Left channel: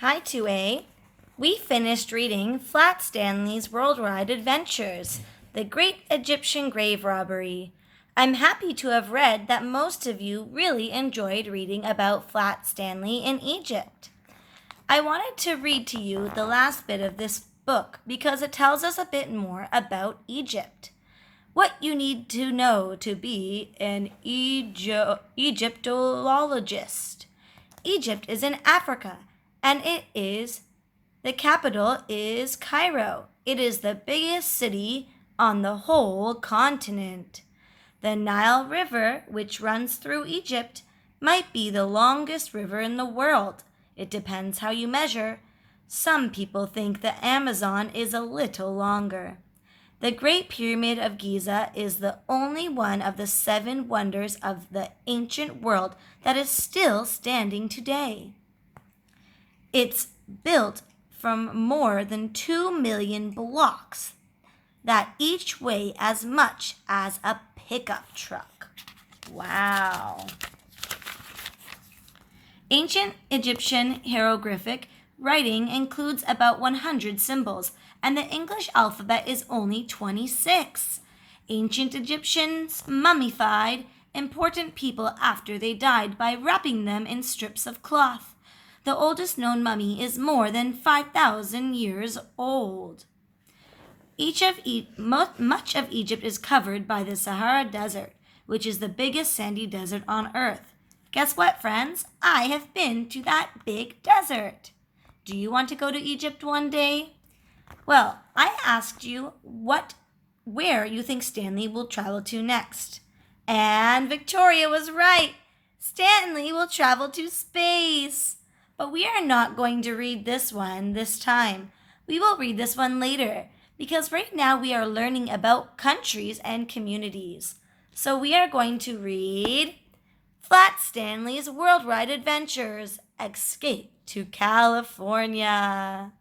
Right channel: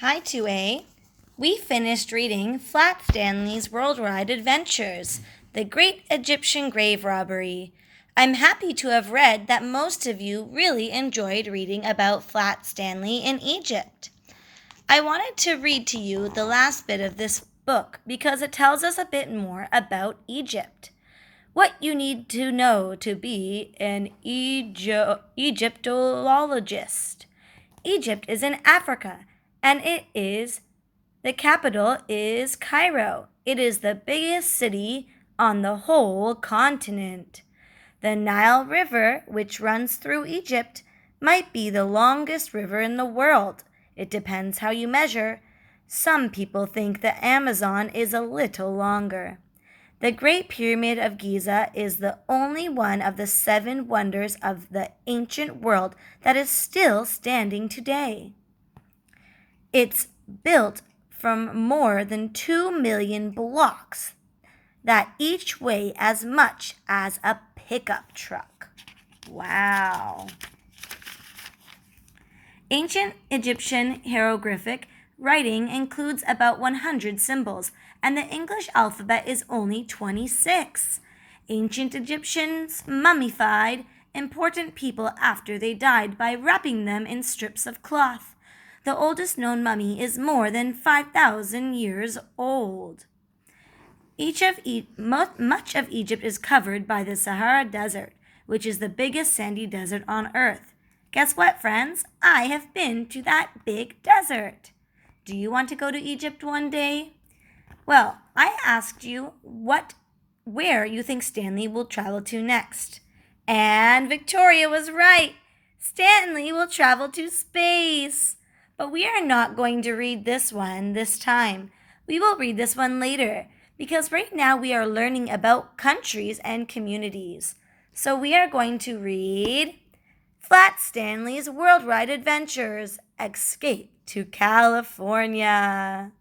Hi, 2A. We finished reading Flat Stanley's Worldwide Adventures, The Great Egyptian Grave Robbery. I'm happy to have read that most of you really enjoyed reading about Flat Stanley in Egypt. I wanted to read to you the last bit of this book because it tells us a bit more about Egypt. What you need to know to be an Egyptologist. Egypt is in Africa, and the capital is Cairo. It is the biggest city on the whole continent. The Nile River, which runs through Egypt, might be the longest river in the world. It depends how you measure. Some people think the Amazon is a little longer. The Great Pyramid of Giza is the only one of the 7 wonders of the ancient world that is still standing today. It's built from more than 2 million blocks that each weigh as much as a pickup truck. Wow. Ancient Egyptian hieroglyphic writing includes about 100 symbols, and the English alphabet is only 26. Ancient Egyptians mummified important people after they died by wrapping them in strips of cloth. The oldest known mummy is more than 5,000 years old. Much of Egypt is covered by the Sahara Desert, which is the biggest sandy desert on Earth. Guess what, friends? I have been to that big desert. Do you want to go to Egypt one day? Well, I asked you where you think Stanley will travel to next. And Victoria was right. Stanley will travel to space. But we are not going to read this one this time. We will read this one later, because right now we are learning about countries and communities. So we are going to read Flat Stanley's Worldwide Adventures, Escape to California.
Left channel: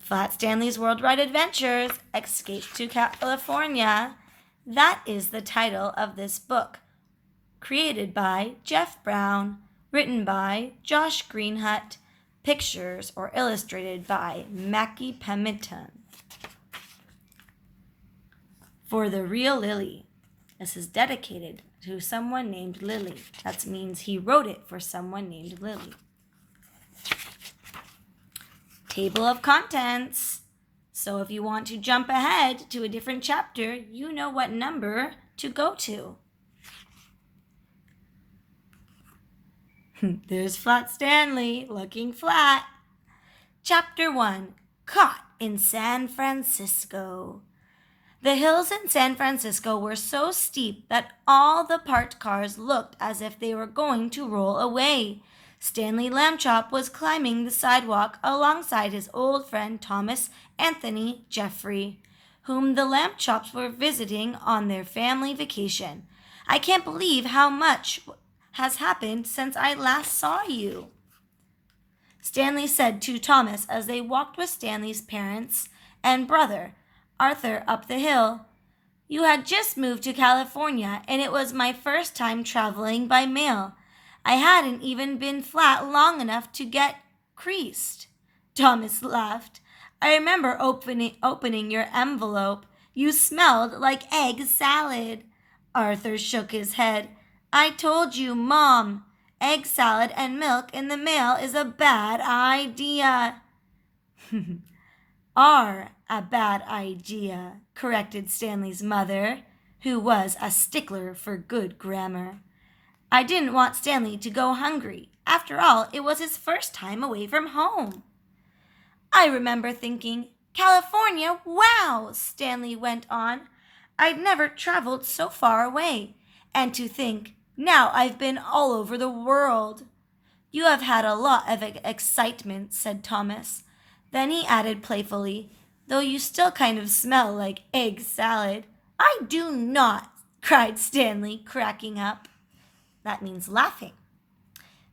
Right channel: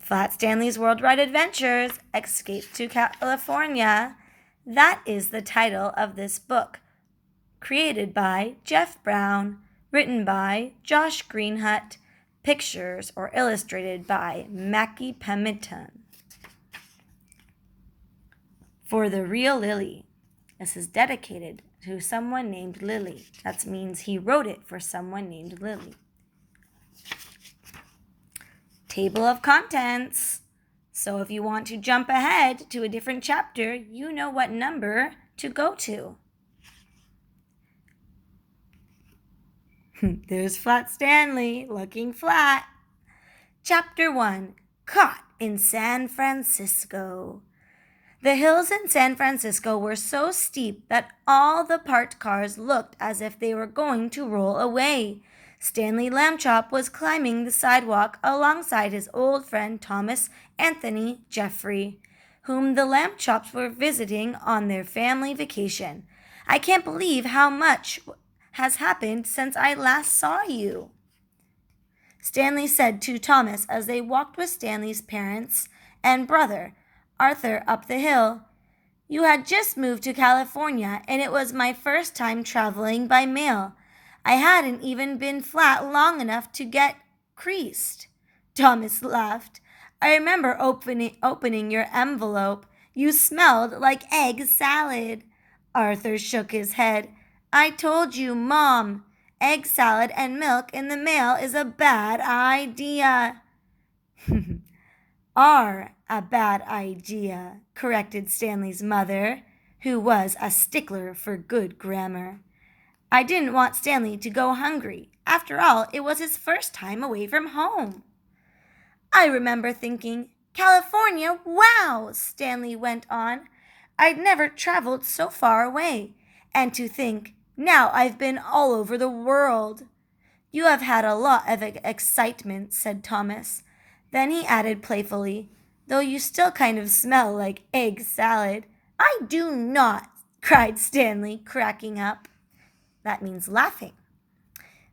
Flat Stanley's Worldwide Adventures, Escape to California. That is the title of this book. Created by Jeff Brown, written by Josh Greenhut, pictures or illustrated by Mackie Pemmiton. For the Real Lily. This is dedicated to someone named Lily. That means he wrote it for someone named Lily. Table of contents. So if you want to jump ahead to a different chapter, you know what number to go to. There's Flat Stanley, looking flat. Chapter 1, Caught in San Francisco. The hills in San Francisco were so steep that all the parked cars looked as if they were going to roll away. Stanley Lambchop was climbing the sidewalk alongside his old friend Thomas Anthony Jeffrey, whom the Lambchops were visiting on their family vacation. I can't believe how much has happened since I last saw you, Stanley said to Thomas as they walked with Stanley's parents and brother, Arthur, up the hill. You had just moved to California, and it was my first time traveling by mail. I hadn't even been flat long enough to get creased. Thomas laughed. I remember opening your envelope. You smelled like egg salad. Arthur shook his head. I told you, Mom, egg salad and milk in the mail is a bad idea. Are a bad idea, corrected Stanley's mother, who was a stickler for good grammar. I didn't want Stanley to go hungry. After all, it was his first time away from home. I remember thinking, California, wow, Stanley went on. I'd never traveled so far away. And to think, now I've been all over the world. You have had a lot of excitement, said Thomas. Then he added playfully, though you still kind of smell like egg salad. I do not, cried Stanley, cracking up. That means laughing.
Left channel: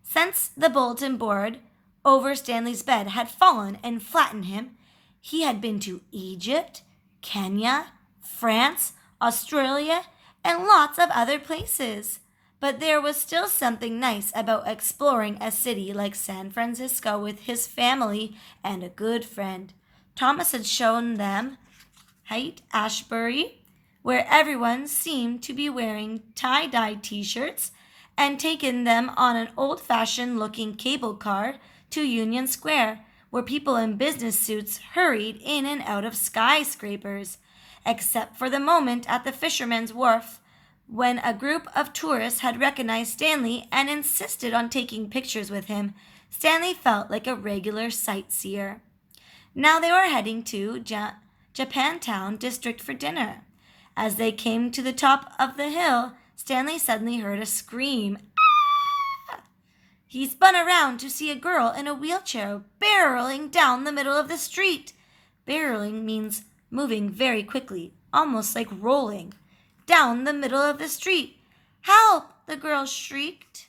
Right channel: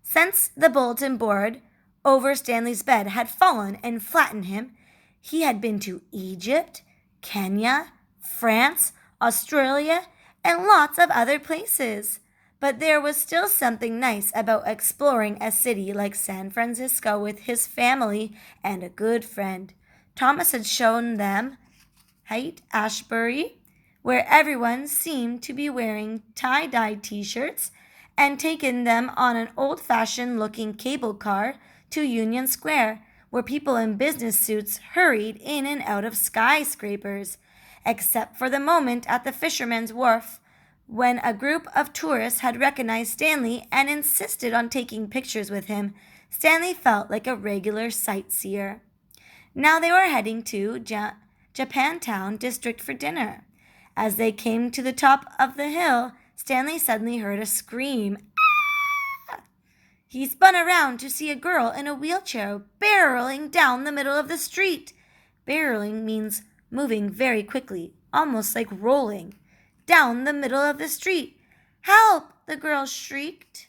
Since the bulletin board over Stanley's bed had fallen and flattened him, he had been to Egypt, Kenya, France, Australia, and lots of other places. But there was still something nice about exploring a city like San Francisco with his family and a good friend. Thomas had shown them Haight Ashbury, where everyone seemed to be wearing tie-dye t-shirts, and taken them on an old-fashioned looking cable car to Union Square, where people in business suits hurried in and out of skyscrapers, except for the moment at the Fisherman's Wharf, when a group of tourists had recognized Stanley and insisted on taking pictures with him. Stanley felt like a regular sightseer. Now they were heading to Japantown District for dinner. As they came to the top of the hill, Stanley suddenly heard a scream. Ah! He spun around to see a girl in a wheelchair barreling down the middle of the street. Barreling means moving very quickly, almost like rolling, down the middle of the street. "Help!" the girl shrieked.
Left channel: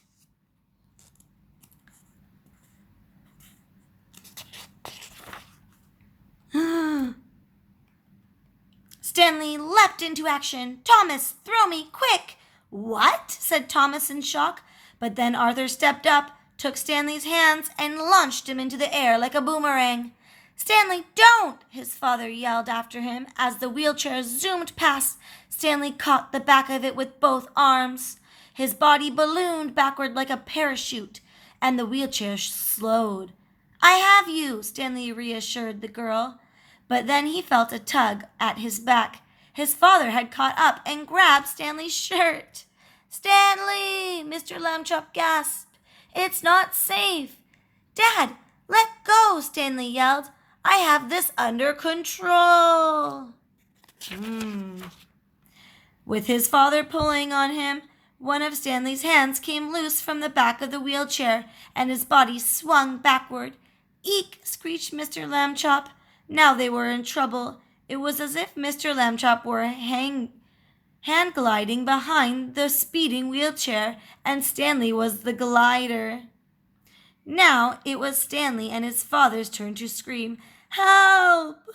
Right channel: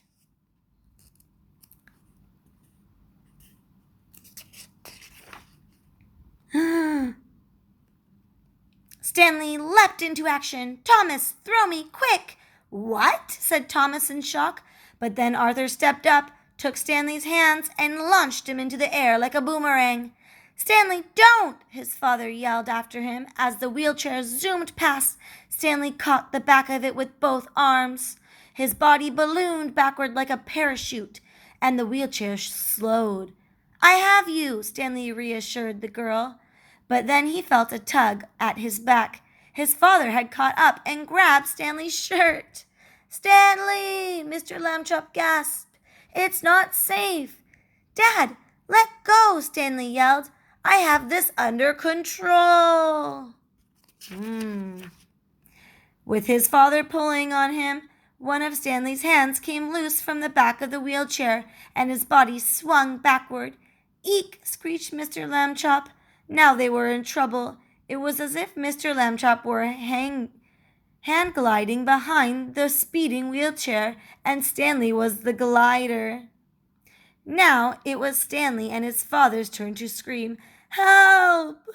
Stanley leapt into action. "Thomas, throw me, quick!" "What?" said Thomas in shock. But then Arthur stepped up, took Stanley's hands, and launched him into the air like a boomerang. "Stanley, don't!" his father yelled after him. As the wheelchair zoomed past, Stanley caught the back of it with both arms. His body ballooned backward like a parachute, and the wheelchair slowed. "I have you," Stanley reassured the girl. But then he felt a tug at his back. His father had caught up and grabbed Stanley's shirt. "Stanley!" Mr. Lambchop gasped. "It's not safe." "Dad, let go!" Stanley yelled. "I have this under control." With his father pulling on him, one of Stanley's hands came loose from the back of the wheelchair, and his body swung backward. "Eek!" screeched Mr. Lambchop. Now they were in trouble. It was as if Mr. Lambchop were hand gliding behind the speeding wheelchair, and Stanley was the glider. Now it was Stanley and his father's turn to scream, "Help!"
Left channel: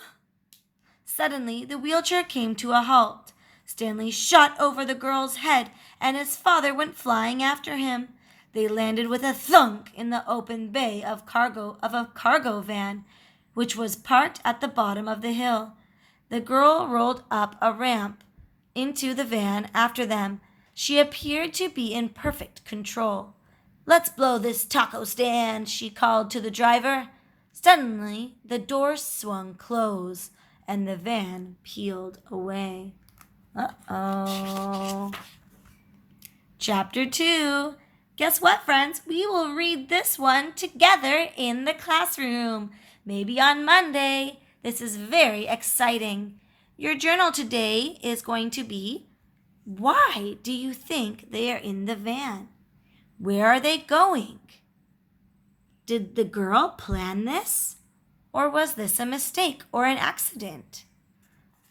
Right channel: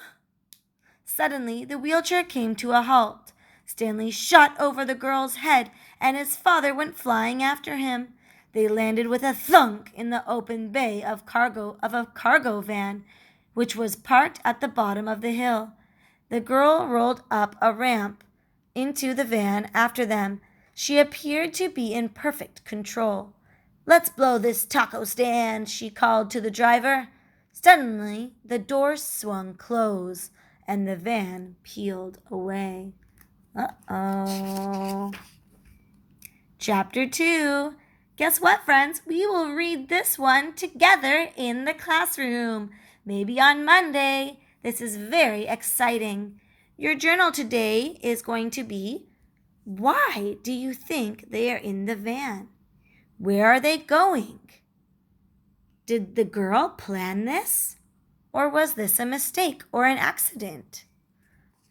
Suddenly the wheelchair came to a halt. Stanley shot over the girl's head, and his father went flying after him. They landed with a thunk in the open bay of a cargo van, which was parked at the bottom of the hill. The girl rolled up a ramp into the van after them. She appeared to be in perfect control. "Let's blow this taco stand," she called to the driver. Suddenly, the door swung close, and the van peeled away. Uh-oh. Chapter 2. Guess what, friends? We will read this one together in the classroom. Maybe on Monday. This is very exciting. Your journal today is going to be, why do you think they are in the van? Where are they going? Did the girl plan this? Or was this a mistake or an accident?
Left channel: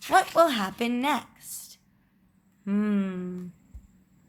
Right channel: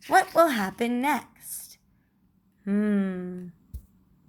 What will happen next?